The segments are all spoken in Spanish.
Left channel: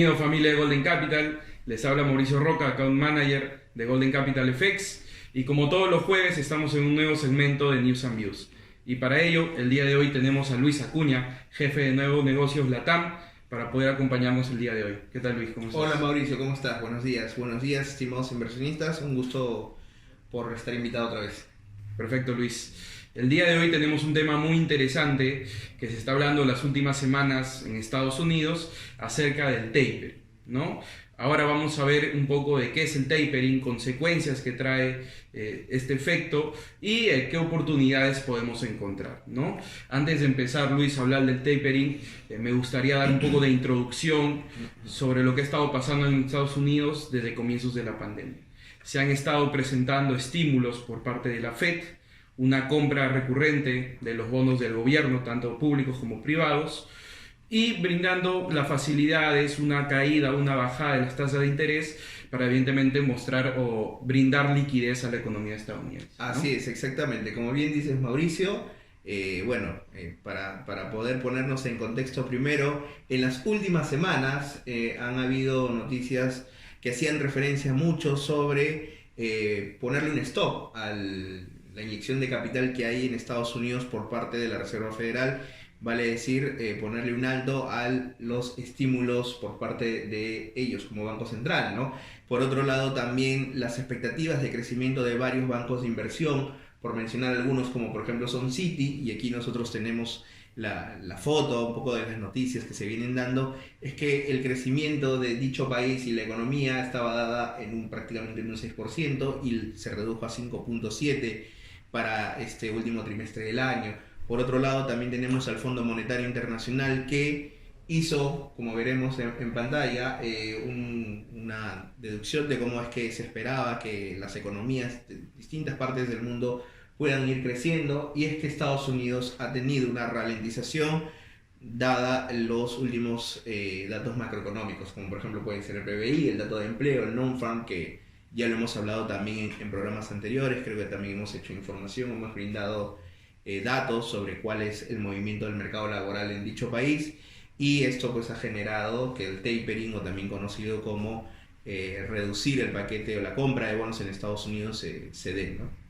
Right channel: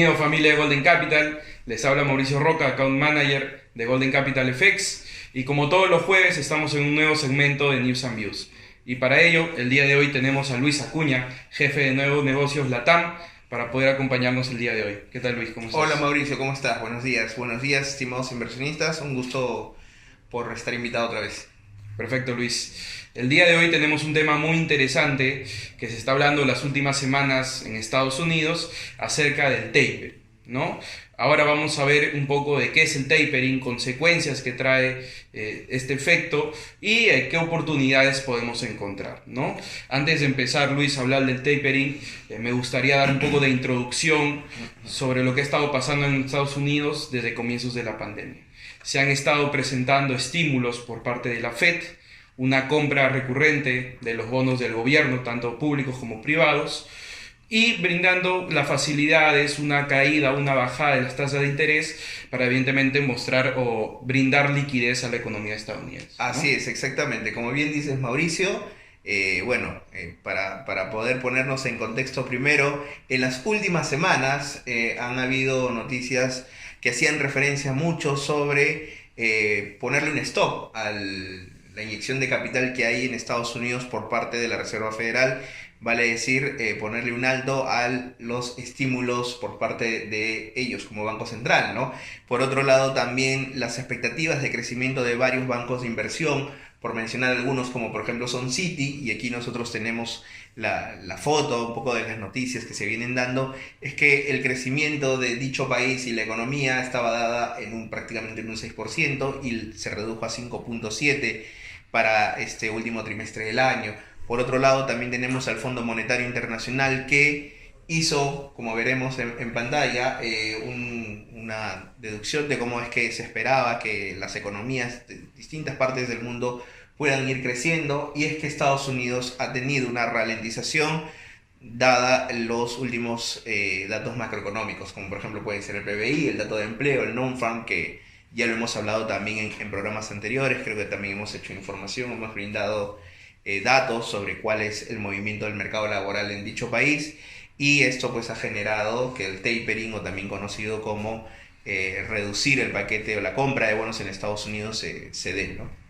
Bienvenido familia de Golden Capital, les habla Mauricio Roca, Account Manager de Golden Capital FX, y como todos los jueves estamos en un nuevo segmento de News and Views. Y para ello, el día de hoy tenemos a Luis Acuña, jefe de Nuevos Negocios LATAM, para poder acompañarnos el día de hoy. ¿Qué tal, Luis? ¿Cómo estás? Hola Mauricio, ¿cómo estás? Buenos días, estimados inversionistas, un gusto por estar invitado otra vez. Perfecto, Luis. El día de hoy tenemos un tema muy interesante que se está hablando las últimas semanas en Estados Unidos acerca del taper, ¿no? Ahora vamos a ver un poco de qué es el tapering, consecuencias que trae este efecto y qué oportunidades podemos encontrar, ¿no? Antes de empezar, Luis, a hablar del tapering, me gustaría dar un poco de introducción sobre lo que ha estado pasando en Estados Unidos desde comienzos de la pandemia. Se han estado presentando estímulos por parte de la Fed, una compra recurrente de los bonos del gobierno, tanto públicos como privados, y brindando las facilidades, una caída, una bajada de las tasas de interés para evidentemente mostrar o brindar liquidez a la economía estadounidense, ¿no? Así es, exactamente. Como bien dices, Mauricio, para poder ponernos en contexto primero, en las últimas semanas han habido noticias que hacían referencia mucho sobre ponerle un stop a la inyección de capital que hay en Estados Unidos por parte de la Reserva Federal, vale decir, ponerle un alto a los estímulos por parte de ellos como Banco Central, ¿no? Por otro lado, también las expectativas de crecimiento de varios bancos de inversión, por mencionar algunos como por ejemplo Sun City, y aquí nosotros tenemos la foto, un poco de las noticias que se vienen dando, es que el crecimiento de dicho país y la economía estaba dada prácticamente en un 6% y se redujo a 5.7% para este último trimestre del año. Por otro lado, también tenemos al Fondo Monetario Internacional que hizo, como veremos en pantalla, una deducción de cómo es que se esperaba que las economías de distintas partes del mundo puedan ir creciendo, y es que Estados Unidos ha tenido una ralentización dada los últimos datos macroeconómicos, como por ejemplo pueden ser el PBI, el dato de empleo, el non-farm, que ya lo hemos hablado también en programas anteriores. Creo que también hemos hecho información, hemos brindado datos sobre cuál es el movimiento del mercado laboral en dicho país, y esto pues ha generado que el tapering, o también conocido como reducir el paquete o la compra de bonos en Estados Unidos, se dé, ¿no?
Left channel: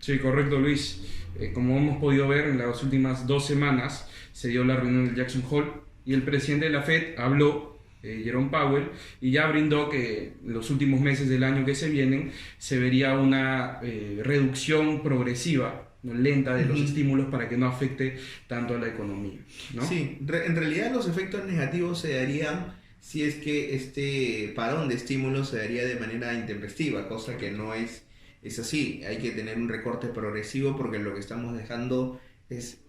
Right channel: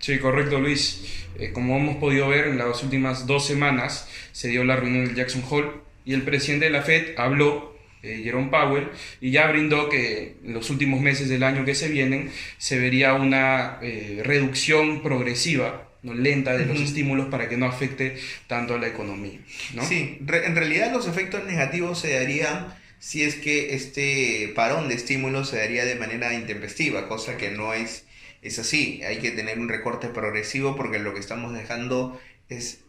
Sí, correcto, Luis. Como hemos podido ver, en las últimas 2 semanas se dio la reunión del Jackson Hole y el presidente de la Fed habló, Jerome Powell, y ya brindó que en los últimos meses del año que se vienen se vería una reducción progresiva, no lenta, de los estímulos para que no afecte tanto a la economía, ¿no? Sí, en realidad los efectos negativos se darían si es que este parón de estímulos se daría de manera intempestiva, cosa que no es así. Hay que tener un recorte progresivo, porque lo que estamos dejando es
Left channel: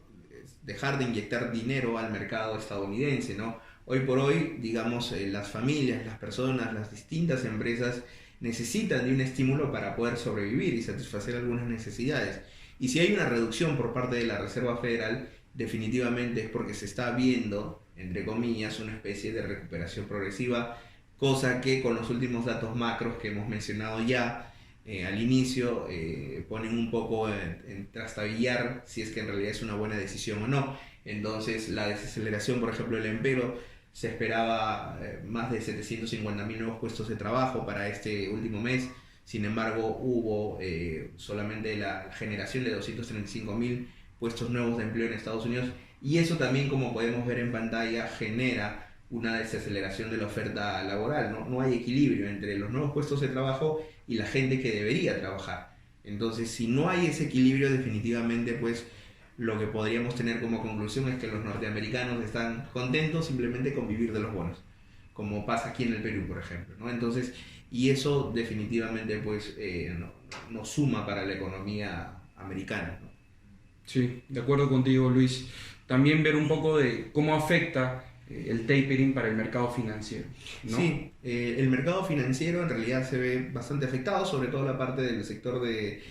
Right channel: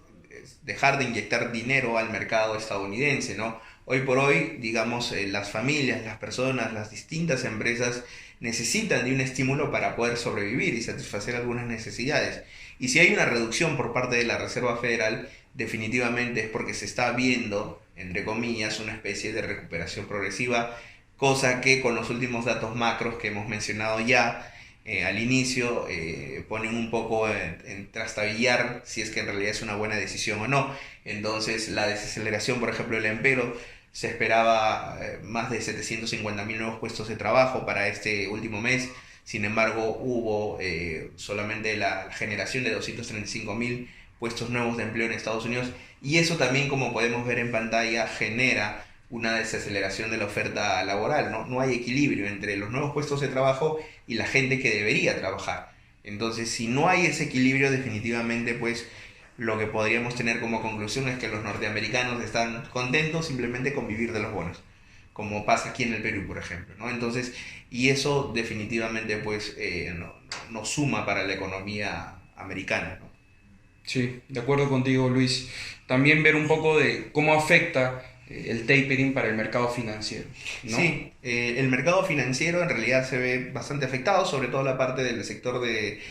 dejar de inyectar dinero al mercado estadounidense, ¿no? Hoy por hoy, digamos, las familias, las personas, las distintas empresas necesitan de un estímulo para poder sobrevivir y satisfacer algunas necesidades. Y si hay una reducción por parte de la Reserva Federal, definitivamente es porque se está viendo, entre comillas, una especie de recuperación progresiva, cosa que con los últimos datos macros que hemos mencionado ya al inicio ponen un poco en trastabillar si es que en realidad es una buena decisión o no. Entonces, la desaceleración, por ejemplo, del empleo, se esperaba más de 750.000 nuevos puestos de trabajo para este último mes. Sin embargo, hubo solamente la generación de 235.000 puestos nuevos de empleo en Estados Unidos, y eso también, como podemos ver en pantalla, genera una desaceleración de la oferta laboral, ¿no? No hay equilibrio entre los nuevos puestos de trabajo y la gente que debería trabajar. Entonces, si no hay ese equilibrio, definitivamente pues lo que podríamos tener como conclusión es que los norteamericanos están contentos simplemente con vivir de los bonos, como pasa aquí en el Perú, por ejemplo, ¿no? Entonces, y eso definitivamente pues no suma para la economía americana, ¿no? Sí, de acuerdo contigo, Luis. También ver un poco de cómo afecta el tapering para el mercado financiero, ¿no? Sí, el mercado financiero en realidad se ve bastante afectado, sobre todo la parte del sector de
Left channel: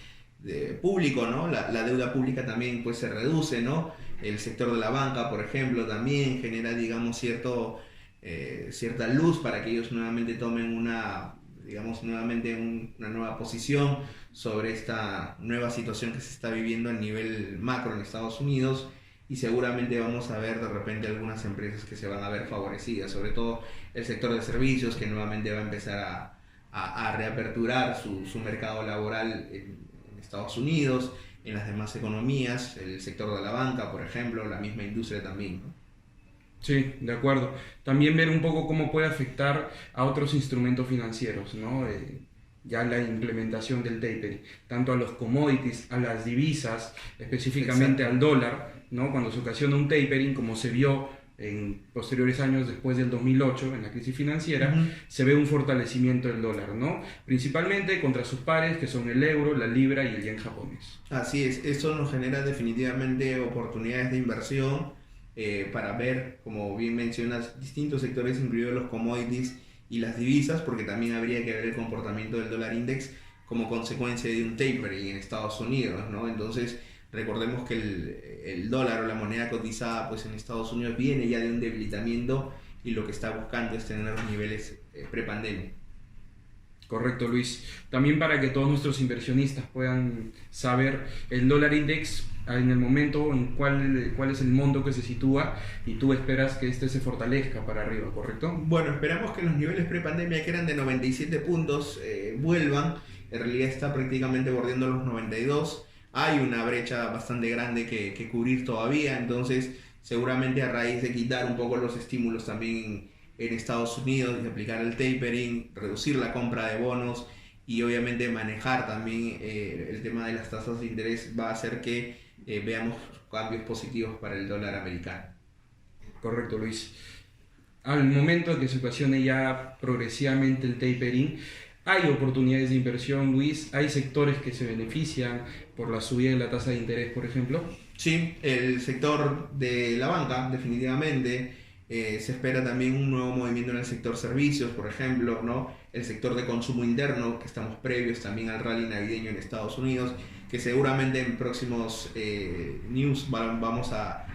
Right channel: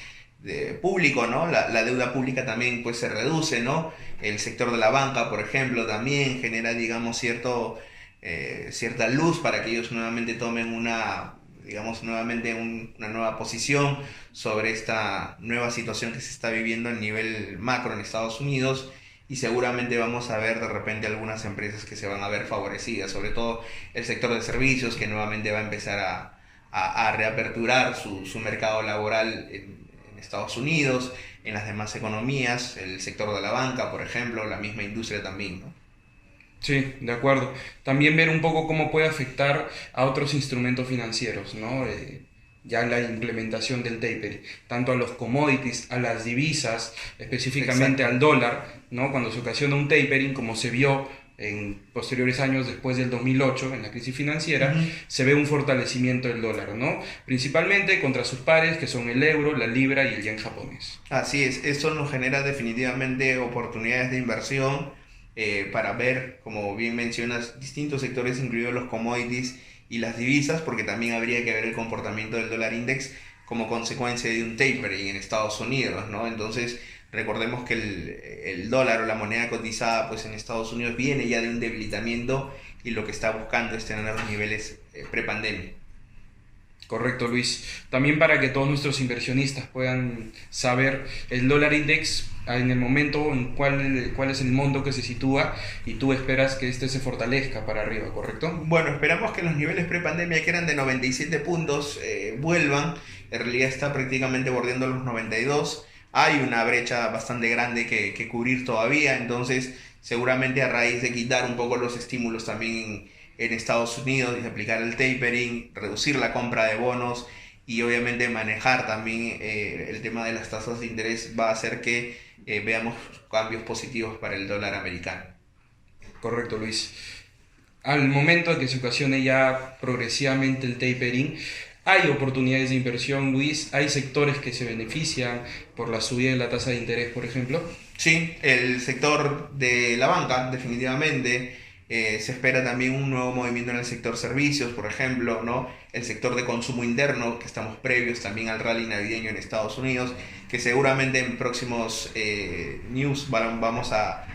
público, ¿no? La deuda pública también pues se reduce, ¿no? El sector de la banca, por ejemplo, también genera, digamos, cierta luz para que ellos nuevamente tomen una nueva posición sobre esta nueva situación que se está viviendo a nivel macro en Estados Unidos. y seguramente vamos a ver de repente algunas empresas que se van a ver favorecidas, sobre todo el sector de servicios que nuevamente va a empezar a reaperturar su mercado laboral en Estados Unidos, en las demás economías, el sector de la banca, por ejemplo, la misma industria también, ¿no? Sí, de acuerdo. También ver un poco cómo puede afectar a otros instrumentos financieros, ¿no? Ya la implementación del tapering, tanto a los commodities, a las divisas, específicamente Exacto. al dólar, ¿no? Cuando se ocasiona un tapering, como se vio en posteriores años después del 2008, en la crisis financiera, Ujú. se ve un fortalecimiento del dólar, ¿no? Principalmente contra sus pares, que son el euro, la libra y el yen japonés. Así es, esto nos genera definitivamente oportunidades de inversión para ver, como bien mencionas, distintos sectores, incluidos los commodities y las divisas, porque también habría que ver el comportamiento del dólar index como consecuencia de un tapering en Estados Unidos, ¿no? Entonces, recordemos que el dólar o la moneda cotizada pues, en Estados Unidos viene ya de un debilitamiento y lo que está buscando es tener los niveles prepandemia. Correcto, Luis. También para que todos nuestros inversionistas puedan saber el dólar index en el momento en cuál es el monto que se sitúa y tú esperas que este se fortalezca para arriba, ¿correcto? Bueno, esperamos que los niveles prepandemia que eran de 97 puntos vuelvan. En realidad está prácticamente bordeando los 92. Hay una brecha bastante grande que cubrir todavía, entonces seguramente a raíz de quitar un poco los estímulos también en Estados Unidos y aplicar el tapering, reducir la compra de bonos y obviamente manejar también el tema de las tasas de interés va a hacer que veamos cambios positivos para el dólar americano. Correcto, Luis. Al momento de que se ocasione ya progresivamente el tapering, hay oportunidades de inversión, Luis, hay sectores que se benefician por la subida de la tasa de interés, por ejemplo. Sí, el sector de la banca, definitivamente. Se espera también un nuevo movimiento en el sector servicios, por ejemplo, ¿no? El sector de consumo interno, que estamos previos también al rally navideño en Estados Unidos, que seguramente en próximos news vamos a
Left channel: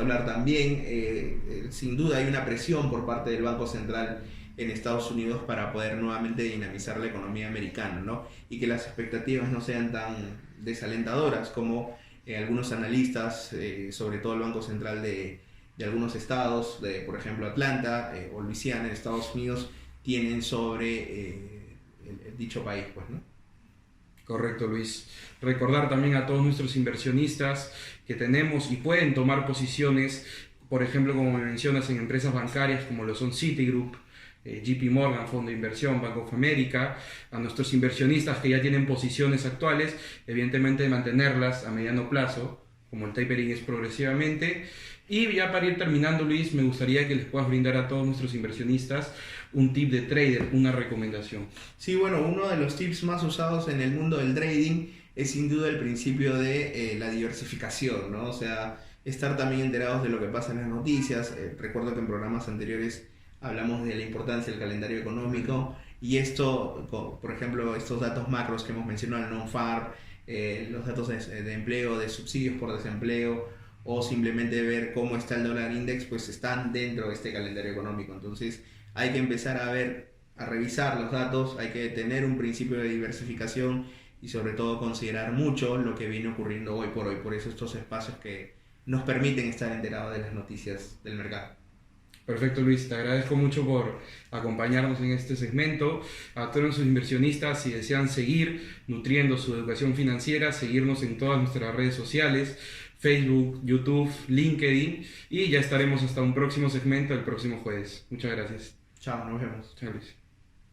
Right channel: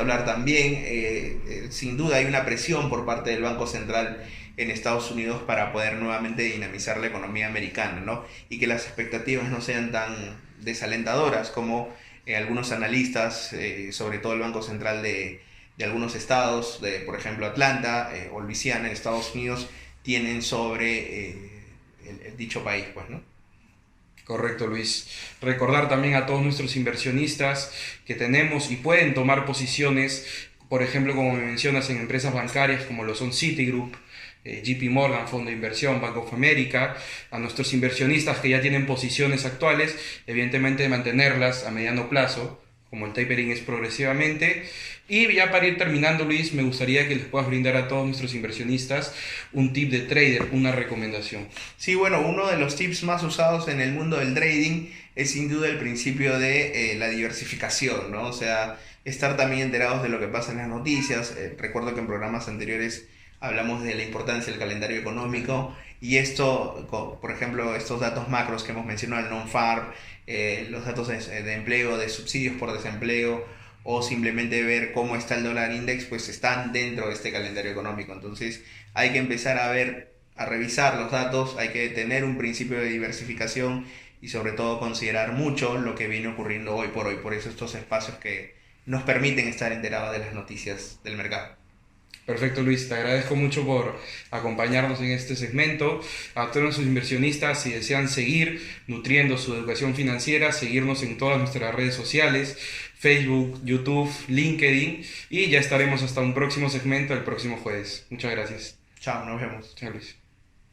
hablar también. Sin duda hay una presión por parte del Banco Central en Estados Unidos para poder nuevamente dinamizar la economía americana, ¿no? Y que las expectativas no sean tan desalentadoras como algunos analistas, sobre todo el Banco Central de algunos estados, de por ejemplo Atlanta o Luisiana en Estados Unidos, tienen sobre el dicho país, pues, ¿no? Correcto, Luis. Recordar también a todos nuestros inversionistas que tenemos y pueden tomar posiciones, por ejemplo, como me mencionas, en empresas bancarias como lo son Citigroup, JP Morgan, Fondo de Inversión, Bank of America, a nuestros inversionistas que ya tienen posiciones actuales, evidentemente mantenerlas a mediano plazo, como el tapering es progresivamente. Y ya para ir terminando, Luis, me gustaría que les puedas brindar a todos nuestros inversionistas un tip de trader, una recomendación. Sí, bueno, uno de los tips más usados en el mundo del trading es sin duda el principio de la diversificación, ¿no? O sea, estar también enterados de lo que pasa en las noticias. Recuerdo que en programas anteriores hablamos de la importancia del calendario económico y esto, por ejemplo, estos datos macros que hemos mencionado, el non-farm, los datos de empleo, de subsidios por desempleo o simplemente ver cómo está el dólar index, pues están dentro de este calendario económico. Entonces hay que empezar a ver, a revisar los datos, hay que tener un principio de diversificación y sobre todo considerar mucho lo que viene ocurriendo hoy por hoy. Por eso estos espacios que nos permiten estar enterados de las noticias del mercado. Perfecto, Luis, te agradezco mucho por acompañarnos en este segmento. A todos nuestros inversionistas, si desean seguir nutriendo su educación financiera, seguirnos en todas nuestras redes sociales, Facebook, YouTube, LinkedIn, y ya estaremos hasta un próximo segmento el próximo jueves. Muchas gracias. Chao, nos vemos. Chao, Luis.